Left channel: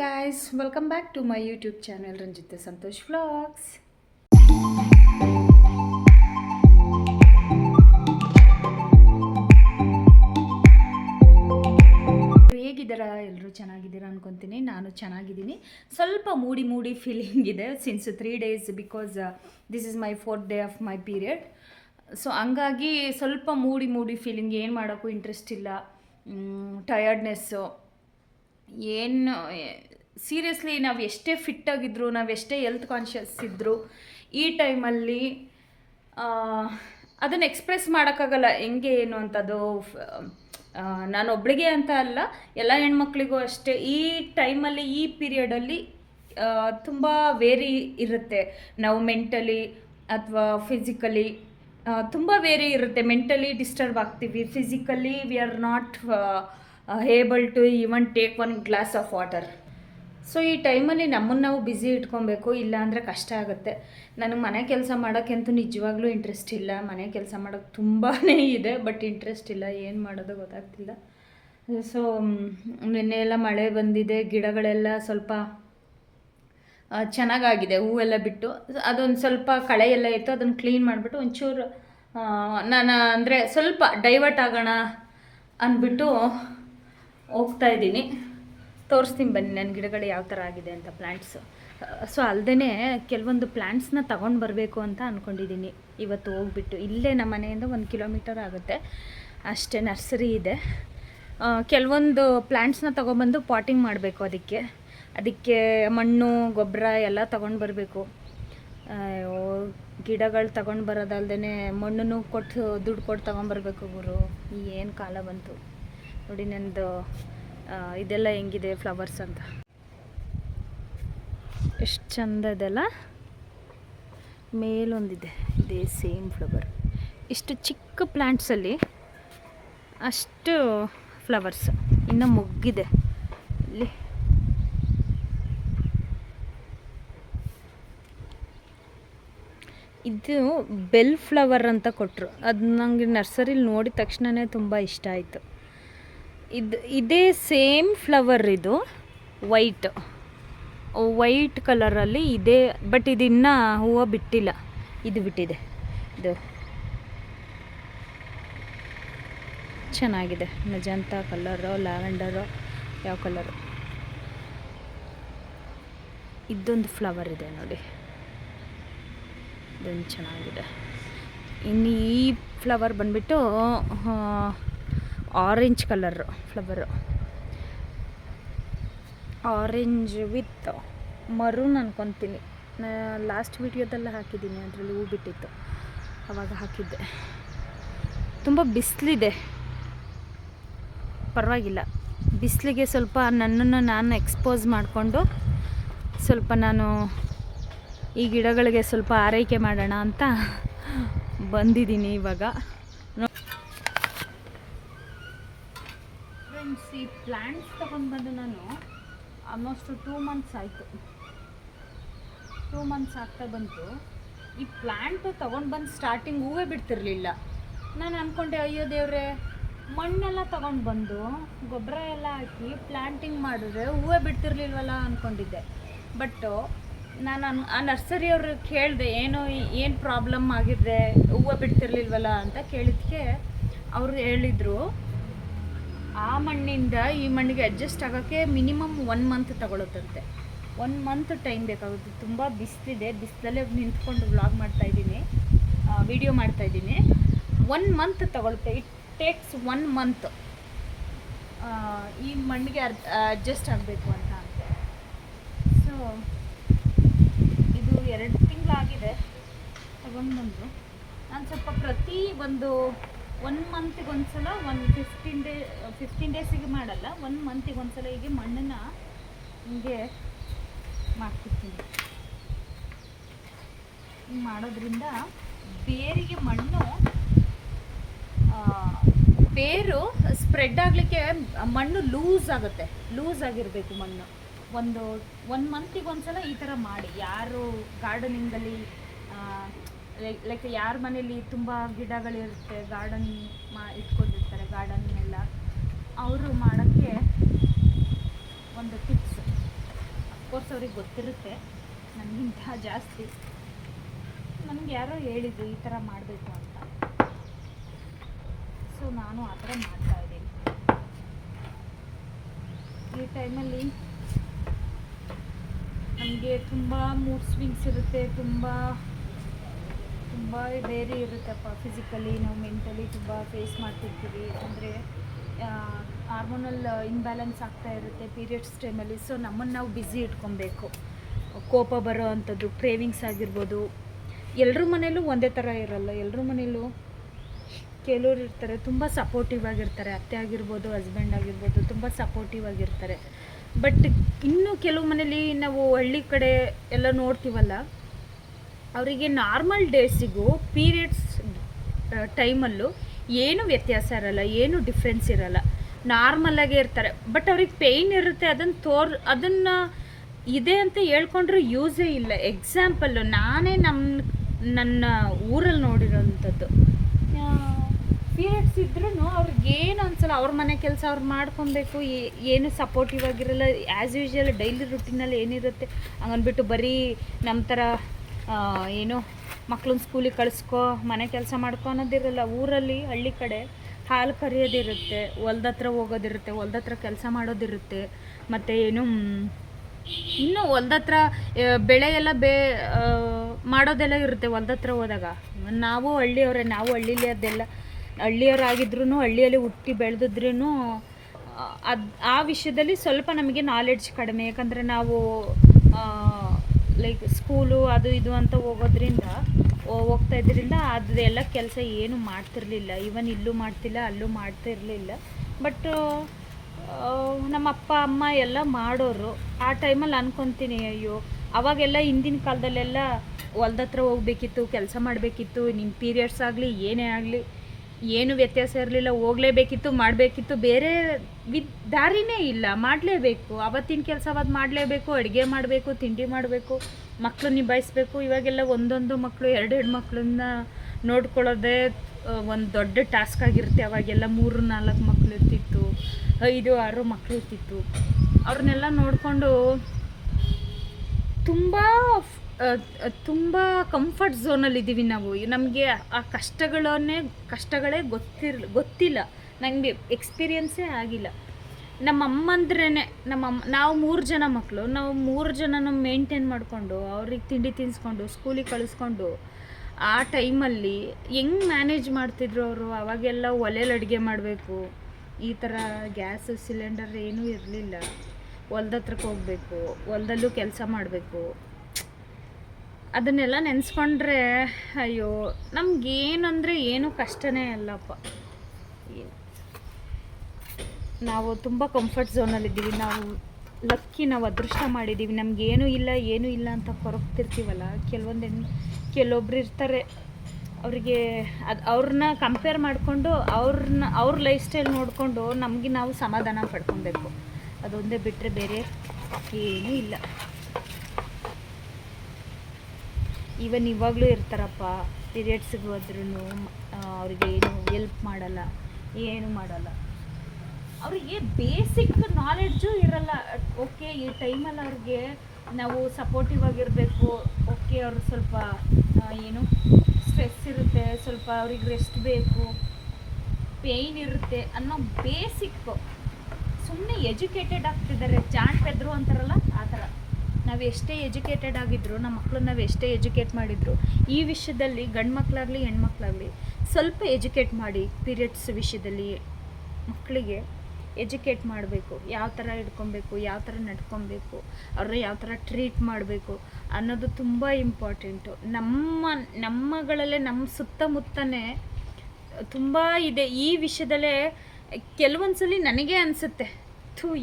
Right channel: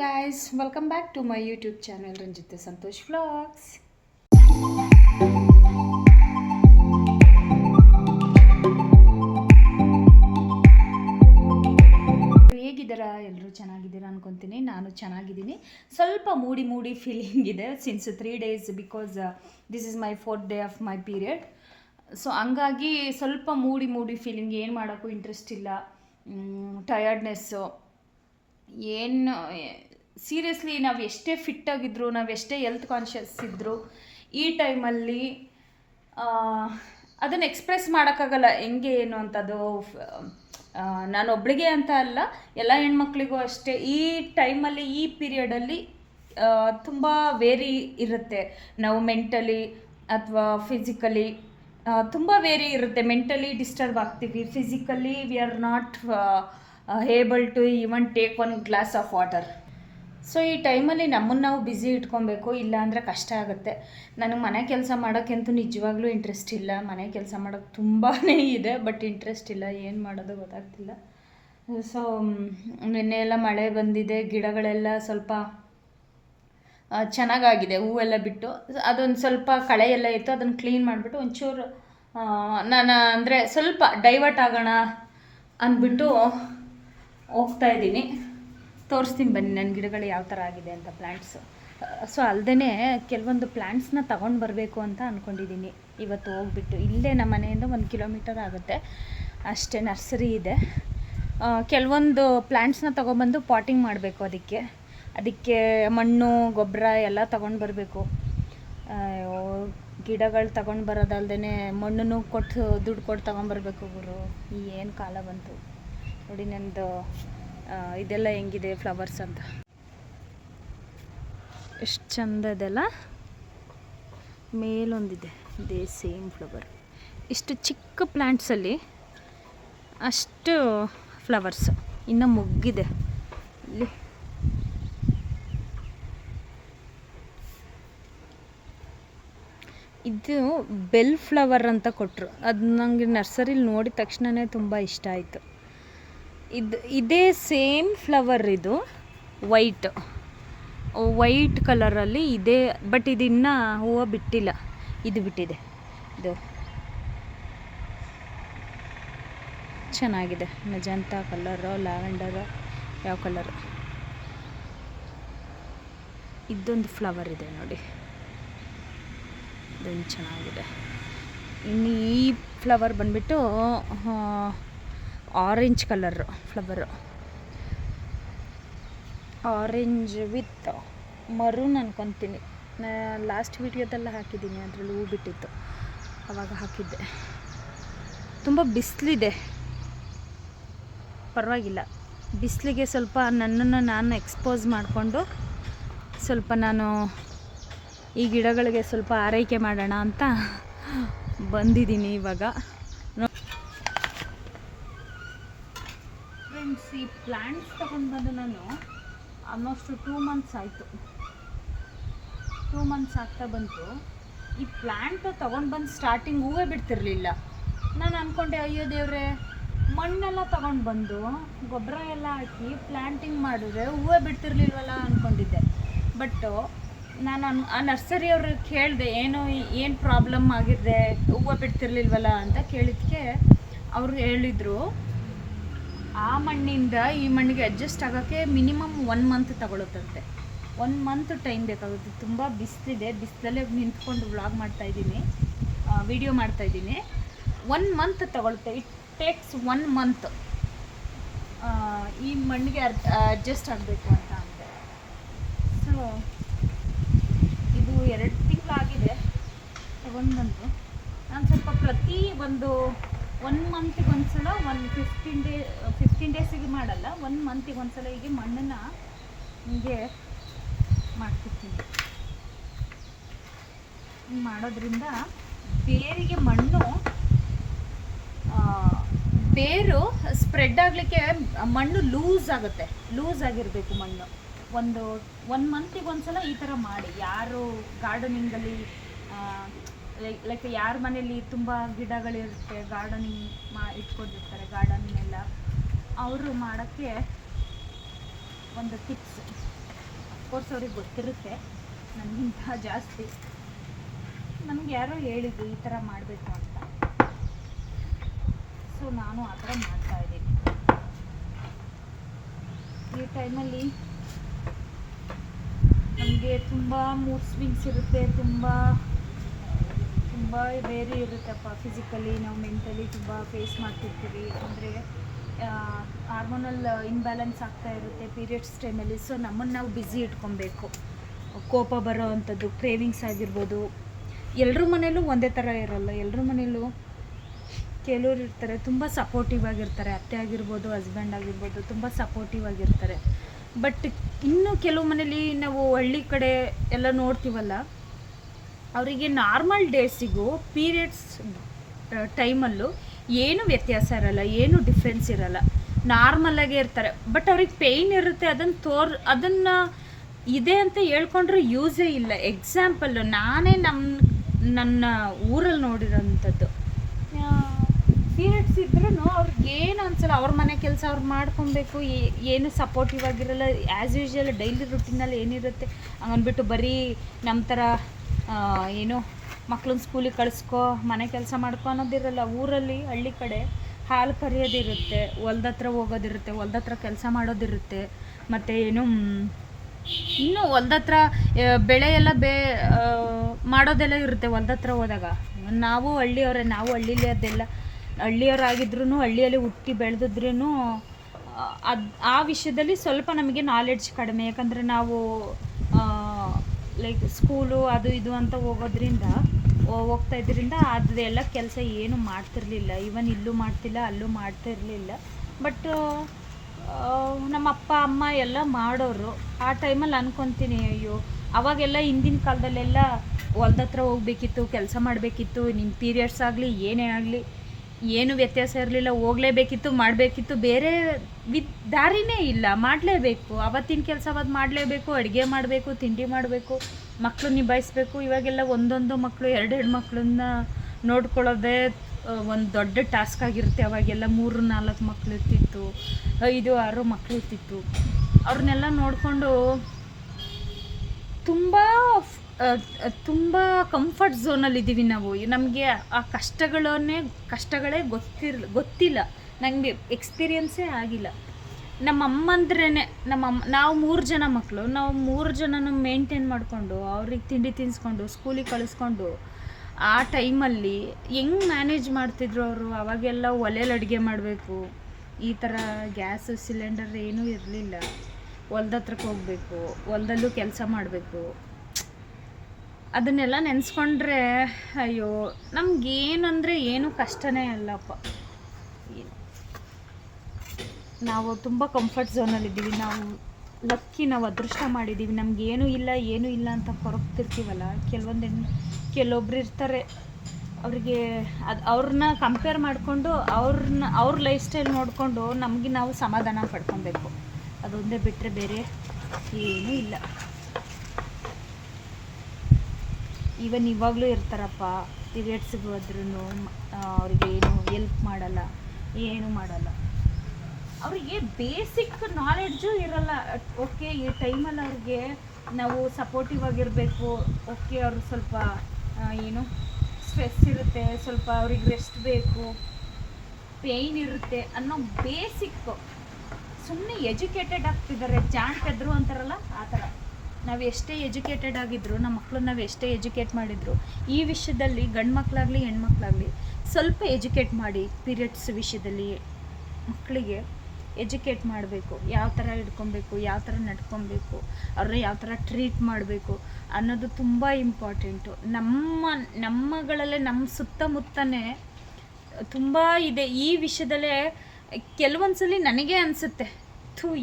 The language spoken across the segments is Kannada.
guys, welcome back to my YouTube channel Ranjita Santosh Vlogs. ಹೇಗಿದ್ದೀರಾ ಎಲ್ಲರೂ ಚೆನ್ನಾಗಿದ್ದೀರಾ ಅನ್ಕೊಂತೀನಿ. ನಾನು ಚೆನ್ನಾಗಿದ್ದೀನಿ. ಸ್ವಲ್ಪ ಮೂಡಿ ಫೀಲಿಂಗ್ ಇದೆ since 3 days because this is my 4th day of my period. So ಹಂಗಾಗಿ ಸ್ವಲ್ಪ ಮೂಡಿ ಫೀಲಿಂಗ್, ಏನು ಮಾಡೋಕ್ಕೂ ಇಂಟ್ರೆಸ್ಟ್ ಇಲ್ಲ, ಟಯರ್ಡ್ನೆಸ್ಸು. ಏನು ಸೀರಿಯಸ್ಲಿ ನಾವು ಎಷ್ಟೇ ಫಿಟ್ಟಾಗಿದ್ದರೂ, ನಾವು ಎಷ್ಟೇ ಹೆಲ್ತ್ ಕಾನ್ಷಿಯಸ್ ಇದ್ದರೂ ಈ ಟೈಮಲ್ಲಿ ಅದನ್ನು ಎಕ್ಸ್ಪ್ರೆಸ್ ಮಾಡೋಕ್ಕಾಗಲ್ಲ ಹೆಂಗೆ ಏನು ಅಂತದು. ನಾನು ಒಬ್ಬಳಿಗೆ ಅಂತ ಅಲ್ಲ, ಎಲ್ಲ ಹೆಣ್ಮಕ್ಳಿಗೂ ಅಷ್ಟೇ. ಈ ಟೈಮಲ್ಲಿ, ಈ ಪೀರಿಯಡಲ್ಲಿ ತುಂಬ ವೇರಿ ಇರುತ್ತೆ. ನಾವು ಮೆಂಟಲಿ ಅಥವಾ ಫಿಸಿಕಲಿ ತುಂಬ ವೇರಿ ಇರುತ್ತೆ. ಮೆಂಟಲಿ ಡಿಸ್ಟರ್ಬ್ ಆಗ್ತೀವಿ, physically we are not able to even take 1 glass of water. So ಈ ಟೈಮಲ್ಲಿ ನಮ್ಮನ್ನು ನಾವು ಬ್ಯುಸಿ ಇಟ್ಕೊಬೇಕು, ಇಲ್ಲ ಅಂದರೆ ಕಷ್ಟ ಆಗುತ್ತೆ. ನನಗೆ ಮನೆ ಕೆಲಸ ಮಾಡೋಕ್ಕಂತೂ ನಿಜವಾಗ್ಲೂ ಇಂಟ್ರೆಸ್ಟ್ ಇಲ್ಲ. ಮನೆ ಕೆಲಸ ಮಾಡೋಕ್ಕೆ ತುಂಬಾ ಇದೆ, ಬಟ್ ಇಂಟ್ರೆಸ್ಟ್ ಇಲ್ಲ. ಏನು ಮಾಡೋದು ಗೊತ್ತಾಗ್ತಿಲ್ಲ. ಸೊ ನಿನ್ನೆ ಎಲ್ಲ ಮಳೆ ಬಂದಿದೆ, ಗಿಡಗಳೆಲ್ಲ ಸ್ವಲ್ಪ ಚೆನ್ನಾಗಾಗಿದೆ, ಹೂವೆಲ್ಲ ಬಿಟ್ಟು. ಅದೊಂದು ಸ್ವಲ್ಪ ಕಳೆ ಎಲ್ಲ ಇತ್ತು, ಅದನ್ನು ಕ್ಲೀನ್ ಮಾಡಿಬಿಟ್ಟು ಒಂಚೂರು ನಾನು ಅಂದರೆ ಸ್ವಲ್ಪ ಡೈವರ್ಟ್ ಆಗೋಣ ಅಂದ್ಬಿಟ್ಟು ಹೋಗ್ತಾಯಿದ್ದೀನಿ. ತೋರಿಸ್ತೀನಿ ಬನ್ನಿ ನನ್ನ ಗಿಡಗಳು ಯಾವ ಥರ ಆಗಿದೆ ಅಂತ, ಪ್ಲ್ಯಾಂಟ್ಸು. ಸೊ ಅಲ್ಲದೆ ಕೆಲವೊಂದು ಪ್ಲ್ಯಾಂಟ್ಸ್ನ ತೊಗೊಂಡು ಬರಬೇಕು ಅಂತ ಅಂದ್ಕೊಂಡಿದ್ದೀನಿ ಇವತ್ತು ಹೋಗ್ಬಿಟ್ಟು. ಇಲ್ಲೇ ನಮ್ಮ ಮನೆಯಿಂದ 1 kilometer ಆಗುತ್ತೆ ಅಷ್ಟೇ, ನರ್ಸರಿ ಇದೆ. ಕೆಲವೊಂದು ಪ್ಲ್ಯಾಂಟ್ಸ್ನ ತೊಗೊಬಂದು ಪಾಟಿಂಗ್ ಮಾಡಬೇಕು. ಅದಕ್ಕೆ ಮಣ್ಣು, ಗೊಬ್ಬರ ಎಲ್ಲ ತೊಗೊಂಡು ಬರಬೇಕು. ಗಿಡಗಳು ತೊಗೊಂಡು ಬರೋದಲ್ದೇ ಮಣ್ಣನ್ನು ಕೊಟ್ಟು ದುಡ್ಡು ಕೊಟ್ಟು ತೊಗೊಂಬರ್ಬೇಕು. ಗುರು, ಏನು ಕಾಲ ಬಂತು ನೋಡಿ. ನನ್ನದು ಇದೆಲ್ಲ ಹೆಂಗಿದೆ ಫ್ಲವರ್ಸ್ ಅಂತ, ಎಷ್ಟು ಚಂದ ಇದೆಲ್ಲ. ಮೇಲೊಂದಿದೆ, ಇದೇ ಸೇಮ್ ಫ್ಲವರ್. ಇಷ್ಟು ಚಿಕ್ಕ ಪ್ಲ್ಯಾಂಟ್ಸಲ್ಲಿ ಅಷ್ಟು ಫ್ಲವರ್ಸ್. ಇನ್ನು ಮುಗ್ಗಿದೆ ಇಲ್ಲಿ. ಇದು ಬೆಲ್ ಫ್ಲವರ್ ಅಂತ ಕೊಟ್ಟರು. ಅದು ನನಗೆ ನರ್ಸರಿಲಿ ನೋಡಿದ ತಕ್ಷಣವೇ ತುಂಬ ಇಷ್ಟ ಆಯಿತು. ಇದೇ ಸೇಮ್ ಫ್ಲವರ್, ಇದು ವೈಟ್ ಕಲರಲ್ಲಿ ಇದೆ. ಬಟ್ ಇದು ಇನ್ನೂ ಹೂವು ಬಿಟ್ಟಿಲ್ಲ, ಇದು ಬಿಟ್ಟಿದೆ. ಇದು ಚೆನ್ನಾಗಿದೆ, ಮೆಜಂತಾ ಕಲರು, ಲ್ಯಾವೆಂಡರು, ಯಾವ ಕಲರು. ಇದೊಂದು ಫ್ಲವರ್ ಇದೆ ನೋಡಿ, ಇದೊಂದು ಚೆನ್ನಾಗಿದೆ. ಇನ್ನು ಈ ಫ್ಲವರ್ ಬಂದುಬಿಟ್ಟು orange colour flower, orange with maroon ಅನ್ಕೊತೀನಿ. ಲಾಸ್ಟ್ ವೀಡಿಯೋದೆಲ್ಲ ಹಾಕಿದ್ದೀನಿ, ಅದರಲ್ಲಿ ಹೂ ಬಿಟ್ಟಿತ್ತು, ಆವಾಗ ಹಾಕಿದ್ದೆ. ತುಂಬ ಬಿಸಿಲಿದೆ, ಪರವಾಗಿಲ್ಲ. ಬಿಸಿಲಿಗೆ ಸ್ವಲ್ಪ ನನ್ನನ್ನು ನಾನು ಎಕ್ಸ್ಪೋಸ್ ಮಾಡಿಕೊಂಡು ಸ್ವಲ್ಪ ನಾನು ಈ ಗಿಡಗಳಿಗೆ ಸ್ವಲ್ಪ ಆರೈಕೆ ಮಾಡೋಣ ಅಂತ ಬಂದಿದ್ದೀನಿ ಇವಾಗ. ಫ್ರೆಂಡ್ಸ್, ಈ ಪ್ಲ್ಯಾಂಟ್ಸ್ ತೊಗೊಂಡ್ಬಂದು ನಾನು ಆಲ್ಮೋಸ್ಟ್ 2 months ಆಯಿತು. 2 months ಆಗ್ತಾ ಬಂತು. ಈ ಪ್ಲ್ಯಾಂಟು ತೊಗೊಂಡ್ಬಂದು ಸ್ಟಾರ್ಟಿಂಗ್ ಹೂವೇ ಬಿಡ್ತಿರ್ಲಿಲ್ಲ. ನಾನು ಅಂದ್ಕೊಂಡೆ, ಅಯ್ಯೋ ದೇವ್ರೆ, ಮಣ್ಣೆಲ್ಲ ತೊಗೊಂಡು ಬಂದು ಗೊಬ್ಬರ ಎಲ್ಲ ಹಾಕಿ ಪ್ಲ್ಯಾಂಟಿಂಗ್ ಮಾಡಿದ್ರೆ ಹೂವೇ ಬಿಡ್ತಿರ್ಲಿಲ್ವಲ್ಲ ಅಂದ್ಕೊಂಡಿದ್ದೆ. ಬಟ್ಟು ನಾನು ಆ ನರ್ಸರಿಯವ್ರಿಗೆ ಕೇಳಿದೆ, ಏನು ಪ್ರಾಬ್ಲಮ್ ಆಗಿದೆ, ಹೂವು ಬಿಡ್ತಿರ್ಲಿಲ್ವಲ್ಲ ಅಂತ ಕೇಳಿದ್ದಕ್ಕೆ ಅವ್ರು ಹೇಳಿದರು, ಆ ಮಣ್ಣಿಂದ ಈ ಮಣ್ಣಿಗೆ ಅಡ್ಜಸ್ಟ್ ಆಗೋಕ್ಕೆ ಮಿನಿಮಮ್ 1 month ತಗೊಳುತ್ತಂತೆ. 1 month ಟೈಮ್ ಬೇಕಾಗುತ್ತೆ. ತುಂಬ ಬಿಸಿಲಿದೆ, ಬಿಸಿಲಲ್ಲೇ ನಿಂತ್ಕೊಂಡು ವ್ಲಾಗ್ ಮಾಡ್ತಾಯಿದ್ದೀನಿ, ವಿಡಿಯೋ ಮಾಡ್ತಾಯಿದ್ದೀನಿ. 1 month ತಗೊಳುತ್ತೆ. ಇಟ್ ಟೇಕ್ಸ್ 1 month ಈ ಮಣ್ಣಿಗೆ ಅಡ್ಜಸ್ಟ್ ಆಗಬೇಕು ಅಂತ ಅಂತೆ. ಸೊ ಇದು 2 ತಿಂಗಳಾಗಿದೆ ತಗೊಂಡು ಬಂದು. ನಾನು ಸ್ವಲ್ಪ ಪ್ರತಿ ಒಂದು 1 month ಒಂದ್ಸಲ, 15 days ಮಾಡಲ್ಲ, 1 month ಒಂದ್ಸಲ ಹೀಗೆ ಮಣ್ಣನ್ನು ಹಿಂಗೆ ಮಾಡ್ತಿರ್ತೀನಿ. ಹಿಂಗೆ ಮಾಡೋದ್ರಿಂದ ಬೇರಿಗೆ ಬೇರು ಸ್ಪ್ರೆಡ್ ಆಗಲಿಕ್ಕೆ ಮಣ್ಣು ಲೂಸ್ ಆಗುತ್ತೆ. ಲೂಸ್ ಆಗಿರಬೇಕು ಮಣ್ಣು. 1 month ಒಂದ್ಸಲ ಈ ಥರ ಮಾಡಿ. ಯಾರು ಗಾರ್ಡನಿಂಗಲ್ಲಿ ಲೈಕ್ ಯಾರ ಮನೇಲಿ ತುಂಬ ಗಿಡಗಳಿರುತ್ತೆ, ಗಾರ್ಡನಿಂಗ್ ಇಟ್ಕೊಂಡಿರ್ತಾರೆ, ಗಾರ್ಡನ್ನೆಲ್ಲ, ಅವರು ಮಾಡೋಕ್ಕೆ ಒಂದು ಟಿಪ್ಸ್. ಅಫ್ಕೋರ್ಸ್ ಅವ್ರಿಗೆ ಗೊತ್ತಿರುತ್ತೆ ನನಗಿಂತ ಜಾಸ್ತಿ. ನನಗೆ ಯಾರೋ ಹೇಳಿದ್ರು ಈ ಥರ ಮಾಡಬೇಕು ಅಂತ, ಸೊ ನಾನು ಆ ಥರ ಮಾಡ್ತಾಯಿದ್ದೀನಿ. ಈ ಟೈಮಲ್ಲಿ ನಮಗೆ ತುಂಬ ಮೂಡ್ ಸ್ವಿಂಗ್ಸ್ ಇರುತ್ತೆ, ತುಂಬ ಬೇರೆ ಇರುತ್ತಪ್ಪ. ಫಿಸಿಕಲಿ ನಾವು ಮೆಂಟಲಿ ತುಂಬ ಫೇಸ್ ಮಾಡ್ತಿರ್ತೀವಿ. ಅಂದರೆ ಹಾರ್ಮೋನಲ್ ಇಂಬ್ಯಾಲೆನ್ಸ್ ಆಗ್ತಾ ಇರುತ್ತೆ ಪೀರಿಯಡ್ಸ್ ಟೈಮಲ್ಲಿ. ಸೊ ನಮ್ಮನ್ನು ನಾವು ಬ್ಯುಸಿ ಇಟ್ಕೊಬೇಕು. ಕೋಪ ಬರೋ ಅಂಥದ್ದು, ಕ್ರೇವಿಂಗ್ಸ್ ಆಗಿರ್ಬೋದು. ಎಲ್ಲರ ಮನೇಲೂ ಒಂದೇ ಥರ ಇರೋಲ್ಲ. ಎಲ್ಲರ ಮನೇಲೂ ಕೆಲವ್ರು ಇರ್ತಾರೆ ತುಂಬ ಸಪೋರ್ಟಿವ್ ಆಗಿರ್ತಾರೆ. ಅತ್ತೆ ಆಗಿರ್ಬೋದು, ಹಸ್ಬೆಂಡ್ ಆಗಿರ್ಬೋದು, ತುಂಬ ಸಪೋರ್ಟಿವ್ ಆಗಿರ್ತಾರೆ. ಬಟ್ ಇನ್ನು ಕೆಲವು ಮನೇಲಿ ನಾವು ಹಳ್ಳಿ ಕಡೆ ಎಲ್ಲ ನೋಡ್ತೀವಲ್ಲ, ಅವರಿಗೆ ನಾರ್ಮಲ್ ಡೇಸಿಗೂ ಪೀರಿಯಡ್ಸ್ ಟೈಮಲ್ಲೂ ಏನೂ ವ್ಯತ್ಯಾಸ ಇರಲ್ಲ, ಏನೂ ಡಿಫ್ರೆನ್ಸ್ ಇರಲ್ಲ, ನಾರ್ಮಲಾಗೇ ಇರ್ತಾರೆ. ಬಟ್ ಅವ್ರಿಗೆ ಪೇಯ್ನ್ ಇರುತ್ತೆ. ಅದನ್ನು ಇದೆ ಅಂತ ಹೇಳ್ಕೊಂಡ್ರೂ ಯೂಸೇ ಇಲ್ಲ. ಎಕ್ಸಾಂಪಲ್ಲು ನಾನೇ ನನ್ನ ಊರಲ್ಲಿ ನೋಡಿರೋಂಥದ್ದು. ಪೀರಿಯಡ್ಸ್ ಇದ್ರೂ ಅವ್ರಿಗೇನು ಅನ್ಸಲ್ಲ. ಅವ್ರ ಮನೆ ಕೆಲಸ ಅವ್ರು ಮಾಡ್ಕೊಬೇಕು, ಏನು ಸಪೋರ್ಟಿವ್ ಆಗಿರಲ್ಲ. ಆ್ಯಸ್ ಯೂಶ್ವಲ್ ಡೈಲಿ ರುಟೀನಲ್ಲಿ ಏನಿರುತ್ತೆ ಹಂಗನ್ಬಿಟ್ಟು ಬರೀ ನಮ್ಮ ಥರ ಏನು ಮಕ್ಳನ್ನ ಸ್ಕೂಲಿಗೆ ಕಳಿಸ್ಕೊ, ಮನೆ ಕೆಲಸ ಮಾಡ್ಕೊ ಅನ್ನೋದಿರಲ್ಲ. ಊರಲ್ಲಿ ಹಳ್ಳಿ ಕಡೆ ಹಾಲು ಕರಿಯೋದಿರುತ್ತೆ, ಹೊಲ್ದತ್ರ ಹೋಗೋದಿರುತ್ತೆ, ಹೊಲ್ದತ್ರ ಕೆಲಸ ಮಾಡೋದಿರುತ್ತೆ. ಮತ್ತು ಏನು ಇನ್ನೂ ಹೊಲ್ದತ್ರ ಬೆಳೆ ಎಲ್ಲ ಮಾಡೋದೆಲ್ಲ ಇರುತ್ತೆ ಹೊಲ್ದತ್ರ ಹೋದಾಗ. ನಾವು ಹಳ್ಳಿಯವರೇ, ನಾವು ಹಳ್ಳೀಲಿ ಅದೆಲ್ಲ ಹಳ್ಳಿಯವರಾಗಿದ್ರೂ, ಹಳ್ಳಿಯಲ್ಲಿ ಹುಟ್ಟಿ ಬೆಳೆದಿದ್ರೂ ಆ ವಿಷಯದಲ್ಲಿ ಸ್ವಲ್ಪ ನಮಗೆ ನಾಲೆಡ್ಜ್ ಕಡಿಮೆ. ಯಾಕಂದರೆ ನಾವು ಲೈಕ್ ಸ್ಕೂಲು ಅದು ಇದು ಅಂತ ಹೋಗ್ತಾ ಇದ್ರಿಂದ ಅದೆಲ್ಲ ಕೆಲಸ ಏನು ಮಾಡ್ತಿರಲಿಲ್ಲ. ಈವನ್ ಇಲ್ಲೂ ಮಾಡ್ತಿಲ್ಲ, ಅಲ್ಲೂ ಮಾಡ್ತಾ ಇರಲಿಲ್ಲ. ಬಟ್ ನಮ್ಮ ಅಪ್ಪ ಅಮ್ಮ ಎಲ್ಲ ಮಾಡೋರು. ಆ ಟೈಮಲ್ಲಿ ಅನ್ಕೊತೀನಿ, ಅಯ್ಯೋ ಅವಾಗೆಲ್ಲ ಹಿಂದಿನ ಕಾಲದಲ್ಲೆಲ್ಲ ಹೊಲ್ದತ್ರ ಹೋಗ್ಬೇಕಿತ್ತು, ಕೆಲಸ ಮಾಡಬೇಕಿತ್ತು. ನಿಮ್ಮ ಪೀರಿಯಡ್ಸ್ ಆಗಲಿ ಏನೇ ಆಗಲಿ ಏನು ವ್ಯತ್ಯಾಸ ಇರಲಿಲ್ಲ, ಹೋಗಲೇಬೇಕಿತ್ತು, ಮಾಡಬೇಕಿತ್ತು. ಬೇರೆ ದಾರಿನೇ ಇಲ್ಲ, ಮಾಡಲೇಬೇಕು. ಅವತ್ತಿನ ಕೆಲಸ ಅವತ್ತು ಮಾಡಲೇಬೇಕು. ಅಡುಗೆ ಮಾಡಬೇಕು, ತಿಂಡಿ ಮಾಡಬೇಕು, ಮಕ್ಕಳು ನಿಭಾಯಿಸ್ಬೇಕು. ಇವಾಗೆಲ್ಲ ಒಂದೊಂದು ಮಕ್ಕಳು, ಎರಡೆರಡು ಮಕ್ಕಳನ್ನ ನೋಡ್ಕೊಳ್ಳೋದೇ ಒಂದು ದೊಡ್ಡ ಟಾಸ್ಕ್ ಆಗಿರುತ್ತೆ. ಅವಾಗೆಲ್ಲ 3-4 ಮಕ್ಕಳು ಇರ್ತಿತ್ತು, 5-6 ಮಕ್ಕಳು ಇರ್ತಿತ್ತು. ಅವ್ರನ್ನೆಲ್ಲ ನೋಡಿಕೊಂಡು ತುಂಬ ಕಂಫರ್ಟ್ ಝೋನಲ್ಲಿದ್ದೀವಿ ನಾವು. ನಮಗೆ ಆ ಕಷ್ಟಗಳೇ ಗೊತ್ತಿಲ್ಲ. ನನಗೆ ಎಕ್ಸ್ಪೀರಿಯನ್ಸೇ ಆಗಿಲ್ಲ. ನಮ್ಮ ಅಮ್ಮಂದ್ರೇ ನಾವು 3 ಜನ ಮಕ್ಕಳು, ನಾವು 3 ಜನನ ಮೇಂಟೈನ್ ಮಾಡಿಕೊಂಡು, ಅವ್ರಿಗೆ ತಿಂಡಿ ತಿನ್ನಿಸ್ಕೊಂಡು, ಸ್ಕೂಲಿಗೆ ಕಳಿಸ್ಕೊಂಡು, ಆ ಟೈಮಲ್ಲಿ ಹೆಂಗೆ ಮ್ಯಾನೇಜ್ ಮಾಡ್ತಿದ್ರು ಅವರು. ಅವಾಗೆಲ್ಲ ಒಲೆಯಲ್ಲಿ ಅಡುಗೆ ಮಾಡಬೇಕು, ಈ ಥರ ಗ್ಯಾಸು ಸಿಲಿಂಡರ್ ಏನೂ ಇರಲಿಲ್ಲ. ಹೊಲ್ದತ್ರಕ್ಕೆ ಹೋಗಬೇಕು, ಹೊಲ್ದಲ್ಲೂ ಕೆಲಸ ಮಾಡಬೇಕು. ಅದನ್ನೆಲ್ಲ ನೆನೆಸ್ಕೊಂಡ್ರೆ ಅಯ್ಯೋ, ನಮಗೇನಂದರೆ ಏನು ಕಷ್ಟನೇ ಅಲ್ಲಪ್ಪ. ಏನು ನಾವು ತುಂಬ ಕಂಫರ್ಟ್ ಝೋನಲ್ಲಿದ್ದೀವಿ. ನಾವು ಲಕ್ಕಿ, ನಾವು ಅದೃಷ್ಟ ಮಾಡಿದ್ದೀವಿ. ನಮಗೇನೂ ಇಲ್ಲ ಅಂತ ಕೊರಗ್ತಿರ್ತೀವಲ್ಲ. ಕೆಲವೊಬ್ರು ಇರ್ತಾರೆ, ಅವರಿಗೆ ಅವ್ರನ್ನ ಕಂಪೇರ್ ಮಾಡಿಕೊಂಡು ಅವ್ರ ಲೈಫ್ ಸ್ಟೈಲ್ ನೋಡಿಕೊಂಡು ನಮಗೆ ನಾವು ಸಮಾಧಾನ ಪಡ್ಕೊಬೇಕು. ಅದೊಂದೇ ಬಿಟ್ಟರೆ ಬೇರೆ ಏನೂ ಇಲ್ಲ. ಈವನ್ ಇವಾಗಲೂ ಇರ್ತಾರಪ್ಪ, ಪೀರಿಯಡ್ಸ್ಗೆ ಹೋದ್ರೂ ಅವ್ರಿಗೆ ಏನು ಎಲ್ಪ್ ಮಾಡಲ್ಲ, ಏನು ಮಾಡಲ್ಲ. ಅವರಿಗೆ ಬೇಸಿಕ್ ನಾಲೆಡ್ಜು ಇರಲ್ಲ. ಓಕೆ, ಈ ಟೈಮಲ್ಲಿ ಅವ್ರಿಗೆ ನಾವು ಸಪೋರ್ಟಿವ್ ಆಗಿರಬೇಕು. ಓಕೆ, ಅವರು ಸ್ವಲ್ಪ ಏನು ಸ್ಟ್ರೆಸ್ ಇರುತ್ತೆ, ಸ್ವಲ್ಪ ಅವ್ರಿಗೆ ರೆಸ್ಟ್ ಬೇಕು, ಪೇಯ್ನ್ ಇರುತ್ತೆ ಅನ್ನೋ ಬೇಸಿಕ್ಕು. ಸುಮ್ಮನೆ ಎಜುಕೇಟೆಡ್ ಆಗ್ತಿದ್ದಾರೆ, ಜಾಣ್ ಪೆದ್ರು ಅಂತಾರಲ್ಲ, ಆ ಥರ. ನಾವು ಎಷ್ಟೇ ಎಜುಕೇಟೆಡ್ ಆಗಿದ್ರು, ನಮ್ಮ ಮಕ್ಕಳನ್ನ ನಾವು ಎಷ್ಟೇ ಎಜುಕೇಟ್ ಮಾಡಿದ್ರು, ಈ ವಿಷಯದಲ್ಲಿ ಗಂಡು ಮಕ್ಕಳಾಗಲಿ ಹೆಣ್ಮಕ್ಳಾಗಲಿ ಸ್ವಲ್ಪ ಎಜುಕೇಟ್ ಮಾಡಿ. ಪೀರಿಯಡ್ಸ್ ವಿಷಯದಲ್ಲಿ ಮಕ್ಕಳಿಗೆ ಎಜುಕೇಟ್ ಮಾಡಬೇಕು. ಯಾವ ಥರ ಹಿಡ್ಕೊಬೇಕು, ಯಾವ ಥರ ನಡ್ಕೊಬೇಕು, ಅವ್ರನ್ನ ಯಾವ ಥರ ಟ್ರೀಟ್ ಮಾಡಬೇಕು ಅನ್ನೋದು ತುಂಬ ಇಂಪಾರ್ಟೆಂಟು. ನಮ್ಮಗಳಲ್ಲೇ ನಮ್ಮ ಸುತ್ತಮುತ್ತನೇ ತುಂಬ ಇದೆ ಈ ವಿಷಯದಲ್ಲೇ. ಕೆಲವೊಂದ್ಸಲಿ ನನಗೆ ಅನಿಸುತ್ತೆ,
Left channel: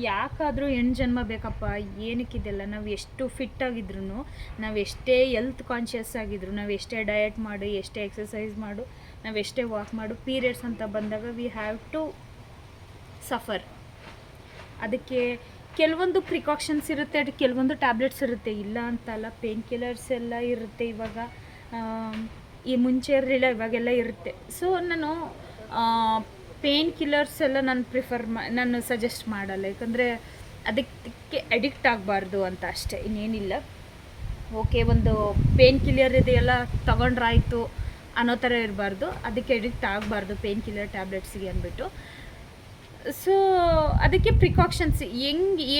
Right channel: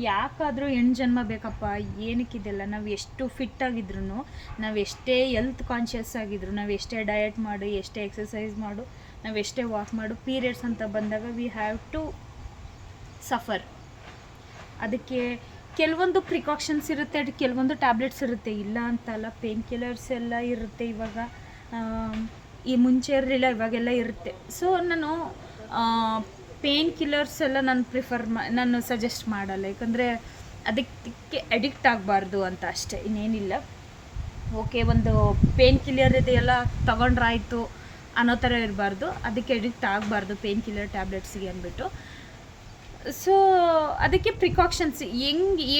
ಯಾಕಾದರೂ ಹೆಣ್ಣು ಜನ್ಮ ಬೇಕಪ್ಪ, ಏನಕ್ಕಿದೆಲ್ಲ. ನಾವು ಎಷ್ಟು ಫಿಟ್ಟಾಗಿದ್ರು, ನಾವು ಎಷ್ಟೇ ಹೆಲ್ತ್ ಕಾನ್ಷಿಯಸ್ ಆಗಿದ್ರು, ನಾವು ಎಷ್ಟೇ ಡಯಟ್ ಮಾಡು, ಎಷ್ಟೇ ಎಕ್ಸಸೈಸ್ ಮಾಡು, ನಾವು ಎಷ್ಟೇ ವಾಕ್ ಮಾಡು, ಪೀರಿಯಡ್ಸ್ ಅಂತ ಬಂದಾಗ ವಿ ಹ್ಯಾವ್ ಟು ಸಫರ್. ಅದಕ್ಕೆ ಕೆಲವೊಂದು ಪ್ರಿಕಾಷನ್ಸ್ ಇರುತ್ತೆ, ಅದು ಕೆಲವೊಂದು ಟ್ಯಾಬ್ಲೆಟ್ಸ್ ಇರುತ್ತೆ, ಇಲ್ಲ ಅಂತಲ್ಲ. ಪೇನ್ ಕಿಲ್ಲರ್ಸ್ ಎಲ್ಲ ಇರುತ್ತೆ ಇವಾಗ. ಈ ಮುಂಚೆ ಇರಲಿಲ್ಲ, ಇವಾಗೆಲ್ಲ ಇರುತ್ತೆ. ಸೊ ನಾನು ಪೇನ್ ಕಿಲ್ಲರ್ಸ್ ಎಲ್ಲ ನಾನು ಸಜೆಸ್ಟ್ ಮಾಡಲ್ಲ. ಯಾಕಂದರೆ ಅದಕ್ಕೆ ಅಡಿಕ್ಟ್ ಆಗಬಾರ್ದು ಅಂತ ಅಷ್ಟೇ, ಇನ್ನೇನಿಲ್ಲ. ಓಕೆ, ಒಂದು ಪೇನ್ ಕಿಲ್ಲರ್ ಇದೆಯಲ್ಲ ತೊಗೊಂಡ್ರಾಯ್ತು ಅನ್ನೋ ಥರ ಇರಬಾರ್ದು, ಅದಕ್ಕೆ ಅಡಿಕ್ಟ್ ಆಗಬಾರ್ದು ಪೇನ್ ಕಿಲ್ಲರ್ ಟ್ಯಾಬ್ಲೆಟ್ಸಿಗೆ ಅಂದ್ಬಿಟ್ಟು. ಸೊ ಅದಕ್ಕೆ ಪ್ರಿಕಾಷನ್ಸ್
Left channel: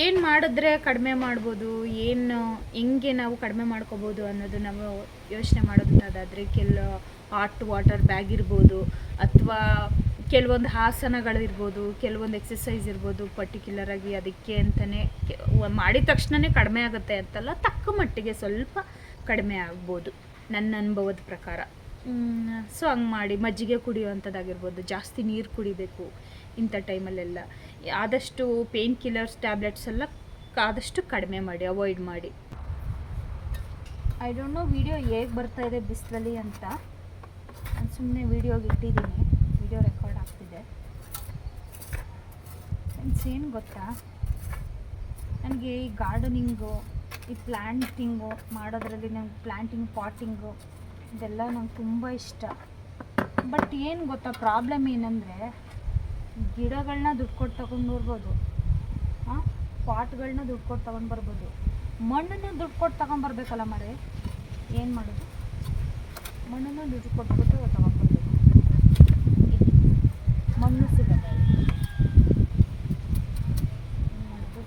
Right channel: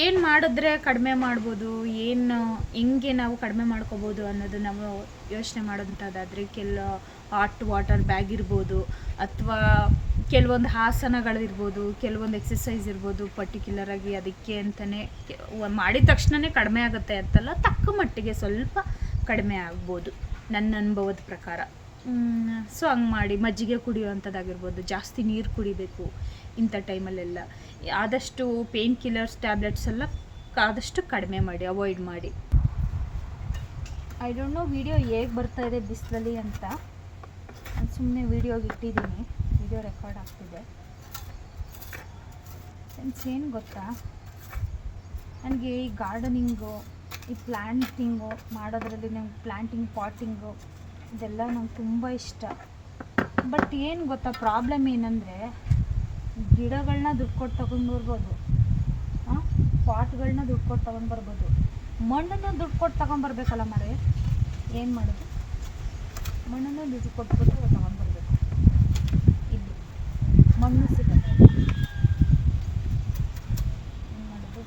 ಏನು ಮಾಡಿದ್ರೆ ಕಡಿಮೆ ಮಾಡ್ಬೋದು, ಹೆಂಗೆ ನಾವು ಕಡಿಮೆ ಮಾಡ್ಕೋಬೋದು ಅನ್ನೋದು ನಾವು ಯೋಚನೆ ಮಾಡೋದಂತಾದರೆ ಹಾಟ್ ವಾಟರ್ ಬ್ಯಾಗ್ ಇರ್ಬೋದು, ಅಥವಾ ಕೆಲವೊಂದು ಆಸನಗಳಿರ್ಬೋದು, ಕೆಲವೊಂದು ಎಕ್ಸಸೈಸ್ ಇರ್ಬೋದು ಪರ್ಟಿಕ್ಯುಲರಾಗಿ ಅದಕ್ಕೆ ಅಂತಲೇ ಮಾಡಿದ ತಕ್ಷಣವೇ ಕಡಿಮೆ ಆಗುತ್ತೆ ಅಂತಲ್ಲ, ತಕ್ಕ ಮಟ್ಟಿಗೆ ಸ್ವಲ್ಪ ಕಡಿಮೆ ಆಗ್ಬೋದು ನನ್ನ ಅನುಭವದ ಪ್ರಕಾರ. ಸೊ ಹಂಗೆ ಮಾಡಿ ಮಜ್ಜಿಗೆ ಕುಡಿಯುವಂಥದ್ದಾಗಿರ್ಬೋದು, ಜಾಸ್ತಿ ನೀರು ಕುಡಿಬೇಕು ಇಂಥ ಟೈಮಲ್ಲೆಲ್ಲ. ಆದಷ್ಟು ಪೇನ್ ಕಿಲ್ಲರ್ಸ್ ಟ್ಯಾಬ್ಲೆಟ್ಸ್ ಎಲ್ಲ ಆದಷ್ಟು ಕಡಿಮೆ ಮಾಡಿ, ಅವಾಯ್ಡ್ ಮಾಡಿ. ಐ ಡೋಂಟ್ ನೋ ವಿಡಿಯೋ ಹೇಗೆ ಬರ್ತಾಯಿದೆ ಬಿಸಿಲಲ್ಲಿ ಅಂತ, ನಾನು ಸುಮ್ಮನೆ ವೀಡಿಯೋಗೆ ಇಟ್ಟಿದ್ದೀನಿ, ವಿಡಿಯೋ ರೆಕಾರ್ಡ್ ಆಗ್ತಿದೆ. ಫ್ರೆಂಡ್ಸ್, ಏನು ಗೊತ್ತಾ, ನನಗೆ ಈ ಗಾರ್ಡನಿಂಗು, ಈ ಪ್ಲ್ಯಾಂಟಿಂಗು ಮಾಡೋದ್ರಲ್ಲಿ ನಂಗೆ ಪ್ಲ್ಯಾಂಟಿಂಗ್, ಪಾಟಿಂಗು ಇದೆಲ್ಲ ನಂಗೆ ತುಂಬ ಇಷ್ಟ. ಬಟ್ ಏನು ಗೊತ್ತಾ, ಪ್ರಾಬ್ಲಮ್ ಏನಂದರೆ ಗಿಡಗಳನ್ನ ದುಡ್ಡು ಕೊಟ್ಟು ತೊಗೊಂಡು ಬರ್ಬೋದು, ಪಾಟ್ಗಳನ್ನ ದುಡ್ಡು ಕೊಟ್ಟು ತೊಗೊಂಡು ಬರ್ಬೋದು, ಮಣ್ಣನ್ನು ದುಡ್ಡು ಕೊಟ್ಟು ತೊಗೊಂಬರ್ಬೇಕಲ್ಲ ಮರೆ. ಏನು ಮಾಡೋದು, ಮಣ್ಣನ್ನು ದುಡ್ಡು ಕೊಟ್ಬಿಟ್ಟು ತೊಗೊಂಡ್ಬರ್ಬೇಕು. ಇಲ್ಲಿ ಮಣ್ಣು ಸಿಗಲ್ಲ, ಏನು ಮಾಡೋದು.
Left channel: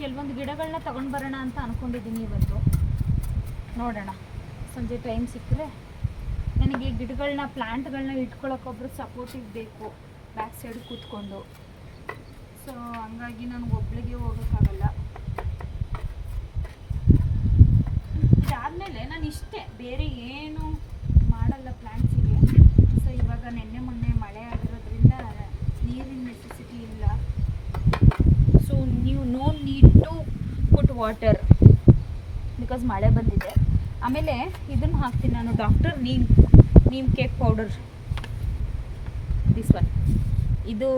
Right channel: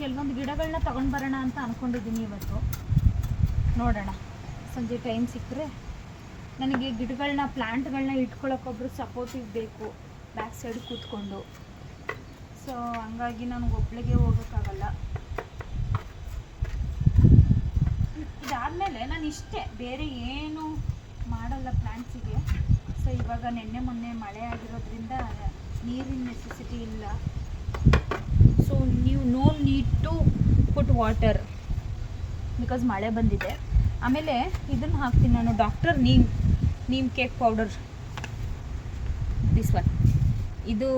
ಕೆಲವೊಂದು ಗಿಡಗಳನ್ನ ತೊಗೊಂಡು ಬರೋಣ ಅಂತ ಅಂದ್ಕೊಂಡಿದ್ದೀನಿ ಇವತ್ತು, ನೋಡೋಣ ಸಂಜೆ ಟೈಮ್ ಸಿಕ್ಕರೆ. ನನಗೆ ಗಿಡಗಳನ್ನ, ಪ್ಲ್ಯಾಂಟ್ಗಳನ್ನ ಇಟ್ಕೊಳ್ಳೋಕ್ಕೊಬ್ರು ಸಪೋರ್ಟಿವ್ ಬೇಕು ಬ್ಯಾಕ್ ಸೈಡ್ ಕೂತ್ಕೊಂಡು. ಸೊ ಹಂಗಾಗಿ ನನಗೆ ಒಬ್ಳಿಗೆ ಹೋಗೋಕ್ಕಾಗಲ್ಲ. ಇದಾದಮೇಲೆ ನಾನು ಇಷ್ಟೇ, ಬೇರೆ ಏನು ಮಾಡಲ್ಲ ಪ್ಲ್ಯಾಂಟ್ಸಿಗೆ. ಸೊ ಇವಾಗ ನೆನ್ನೆ ಮೊನ್ನೆ ಮಳೆ ಆಗಿರೋದ್ರಿಂದ ನೀರಿನ ನೆಸೆಸಿಟಿ ಇಲ್ಲ. ಸೊ ನೀವು no need to put water because ಮಳೆ ಬಂದಿದೆ. ಆಮೇಲೆ ಇದನ್ನು ಹಾಕ್ತೀನಿ ನಾನು, doctor neem cake powder, this one. ಇದು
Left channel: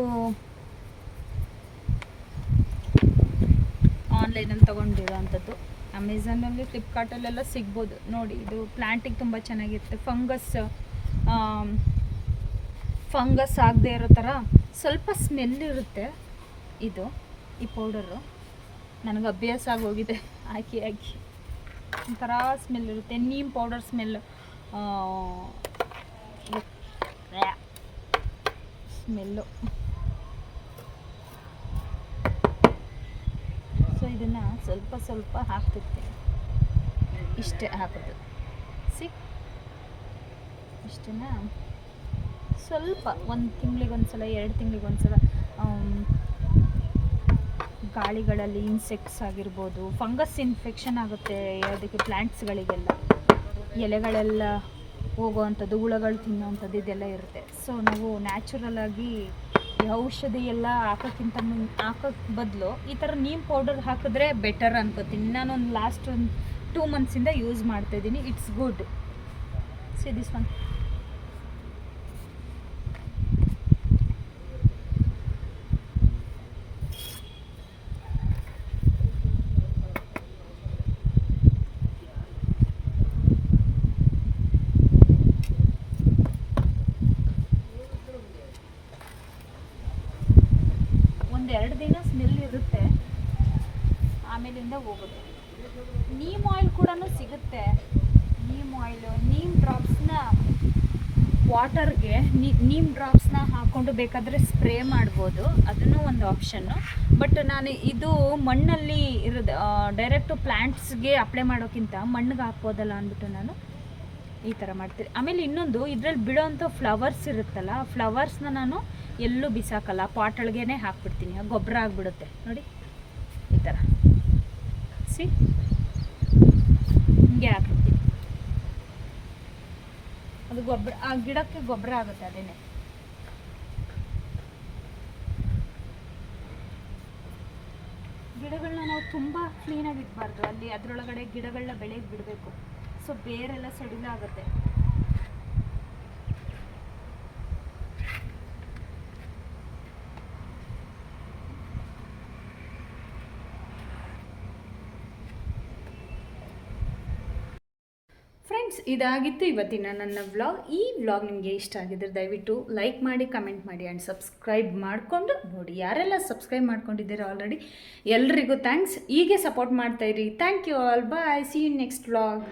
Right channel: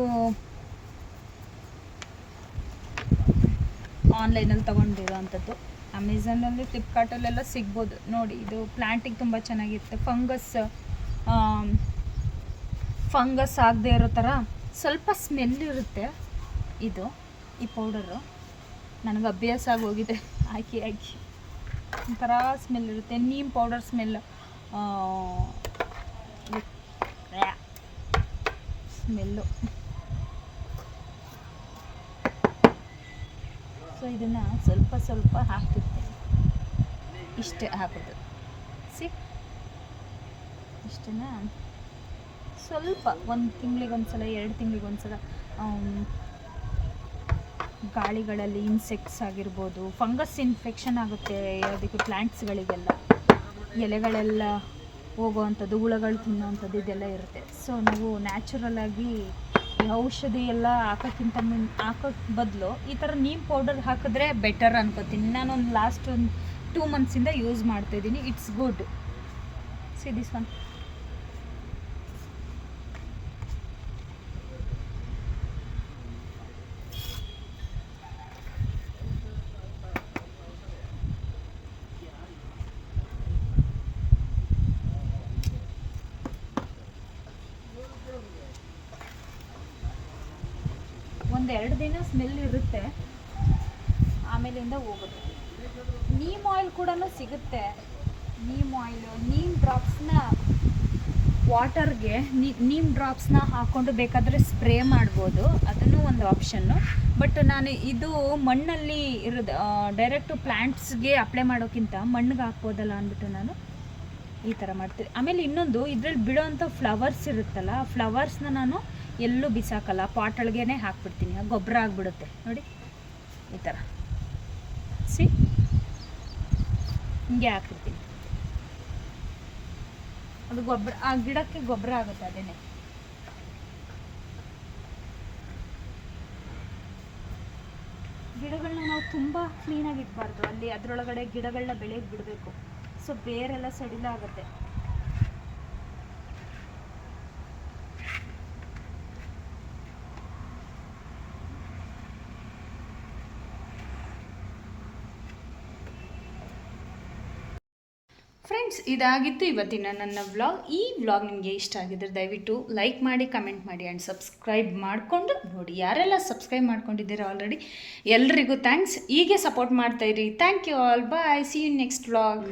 ಆನ್ಲೈನಲ್ಲಿ ತೊಗೊಂಡಿರೋ ಅಂಥದ್ದು, ಅಮೆಝಾನಲ್ಲಿ, ಫ್ಲಿಪ್ಕಾರ್ಟಲ್ಲೆಲ್ಲ ಸಿಗ್ಬೋದು ನೋಡಿ. ಇದು ಪ್ಲ್ಯಾಂಟಿಗೆ ತುಂಬ ಚೆನ್ನಾಗಿರುತ್ತೆ. ಫಂಗಸ್ ಆಗದೆ ಇರೋ ಥರ ಸ್ವಲ್ಪ ಸ್ಮೆಲ್ ಇರುತ್ತೆ ಇದು, ಈ ಪೌಡರು. ನನಗೆ ಅಭ್ಯಾಸ ಆಗೋಗಿದೆ ಹಾಕಿ ಒಂಥರ ಸ್ಮೆಲ್ ಇರುತ್ತೆ, neem powder smell smell. So ಇದನ್ನು ಸ್ವಲ್ಪ ಹಾಕ್ತಿರ್ತೀನಿ, ಇಷ್ಟೇ ಹಾಕೋದು. ಇಷ್ಟನ್ನು ಸ್ವಲ್ಪ 1 ತಿಂಗಳಿಗೊಂದ್ಸಲ, 2 ತಿಂಗಳಿಗೊಂದ್ಸಲ. ಗಾಳಿಗಳಲ್ಲಿ ಇನ್ಸೆಕ್ಟ್ಸ್ ಆಗಿರ್ಬೋದು, ಫಂಗಸ್ ಇನ್ಫೆಕ್ಷನ್ ಆಗುತ್ತೆ ಅದಕ್ಕೆ, ಪ್ಲ್ಯಾಂಟ್ಸ್ಗಳಿಗೆಲ್ಲ ಎಲೆಗಳೆಲ್ಲ ಹೋಗೋವಂಥದ್ದು, ಹುಳಗಳು ತಿನ್ನೋವಂಥದ್ದು ಇದೆಲ್ಲ ಇರುತ್ತೆ. ಸೊ ನಾವು ನ್ಯಾಚುರಲಾಗಿ ಈ ಔಷಧಿ ಎಲ್ಲ ಹಾಕೋಕ್ಕೆ ಬದಲು ಈ ಥರ ನೀಮ್ ಪೌಡರ್ ಹಾಕಿದ್ರೆ ಬೆಟರ್ ಅನ್ಕೋತೀನಿ. ನಾನೊಂದು ಲಾಸ್ಟ್ 2 ಮಂತ್ಸಿಂದ ಯೂಸ್ ಮಾಡ್ತಾಯಿದ್ದೀನಿ, it's good. See this one. ಒಂದು 2 ದಿನ ಸ್ಮೆಲ್ ಇರುತ್ತೆ, ಆಮೇಲಿಂದ ಹೋಗುತ್ತೆ. ನೀಮ್ ಆಯಿಲ್ ಕೂಡ ಸಿಗುತ್ತೆ. ನೀಮ್ ಆಯಿಲು, ನೀಮ್ ಡ್ರಾಪ್ಸ್ನ ವಾಟರ್ಗೆ ನೀಮ್ ಡ್ರಾಪ್ಸ್ನ ಹಾಕ್ಕೊಂಡು ಬೇಕಾದರೆ ಸ್ಪ್ರೇ ಮಾಡ್ಬೋದು, ಅದನ್ನು ಒಂದು ಆಪ್ಷನ್ನು. ಬಟ್ ನಾನು ಇದು ಮಣ್ಣಲ್ಲಿ ಇರೋದು, ಡೈರೆಕ್ಟು ಪ್ಲ್ಯಾಂಟ್ಸ್ಗೆ ಅಪ್ಲೈ ಮಾಡೋಕ್ಕಿಂತ ಮಣ್ಣಿಗೆ ಹಾಕ್ಬೋದಲ್ಲ ಅಂದ್ಬಿಟ್ಟು ನಾನು ಈ ಥರ ಮಾಡ್ತೀನಿ. ಆಮೇಲೆ ಇನ್ನೊಂದು, ಇದರಲ್ಲಿ ಬಿಡೋವಂಥ ಫ್ಲವರ್ಸ್ ಇರುತ್ತಲ್ಲ, ಆ ಫ್ಲವರ್ಸ್ನ ನಾನು ಎಲ್ಲೂ ಬಿಸಾಕಲ್ಲ, ಪಾಟೊಳಗೇ ಹಾಕ್ಬಿಡ್ತೀನಿ, ಗೊಬ್ಬರ ಆಗಿಬಿಡುತ್ತೆ ನೋಡಿ ಈ ಥರ. ಹಿಂಗೆ ಹಾಕ್ಬಿಡ್ತೀನಿ, ಅದು ಗೊಬ್ಬರ, ಆ ಗಿಡಕ್ಕೆ ಗೊಬ್ಬರ ಆಗುತ್ತೆ ಅದೇನೆ. ಗಿಡಗಳನ್ನ ನಾವು ತುಂಬ ಕ್ಲೀನಾಗಿ ಇಡಬಾರ್ದು, ಅಲ್ಲಿ ಅದರೊಳಗಡೆ ಗಿಡಗಳನ್ನ ಬೆಳೆಯೋಕ್ಕೆ ಬಿಡಬೇಕು. ಸೊ ಬೇರೆಲ್ಲ ಸಡಿಲ ಆಗುತ್ತೆ. ಫ್ರೆಂಡ್ಸ್, ಇದಾಗಿತ್ತು ಇವತ್ತಿನ ನನ್ನ ವ್ಲಾಗ್. ಈ ವ್ಲಾಗ್ ನಿಮಗೆ ಇಷ್ಟ ಆಗಿದ್ರೆ ದಯವಿಟ್ಟು ಲೈಕ್ ಮಾಡಿ, ಕಮೆಂಟ್ ಮಾಡಿ ಆ್ಯಂಡ್ ಸಬ್ಸ್ಕ್ರೈಬ್ ಮಾಡಿಕೊಂಡು ನೋಡಿ. ಯಾರೆಲ್ಲ ಸಬ್ಸ್ಕ್ರೈಬ್ ಮಾಡ್ಕೊಂಡಿದ್ದೀರಾ ಆಲ್ರೆಡಿ ಎಲ್ರಿಗೂ ಥ್ಯಾಂಕ್ಸ್. ಹೀಗೆ ಸಪೋರ್ಟ್ ಮಾಡ್ತಾಯಿರಿ. Thank you all. Bye. See you next vlog.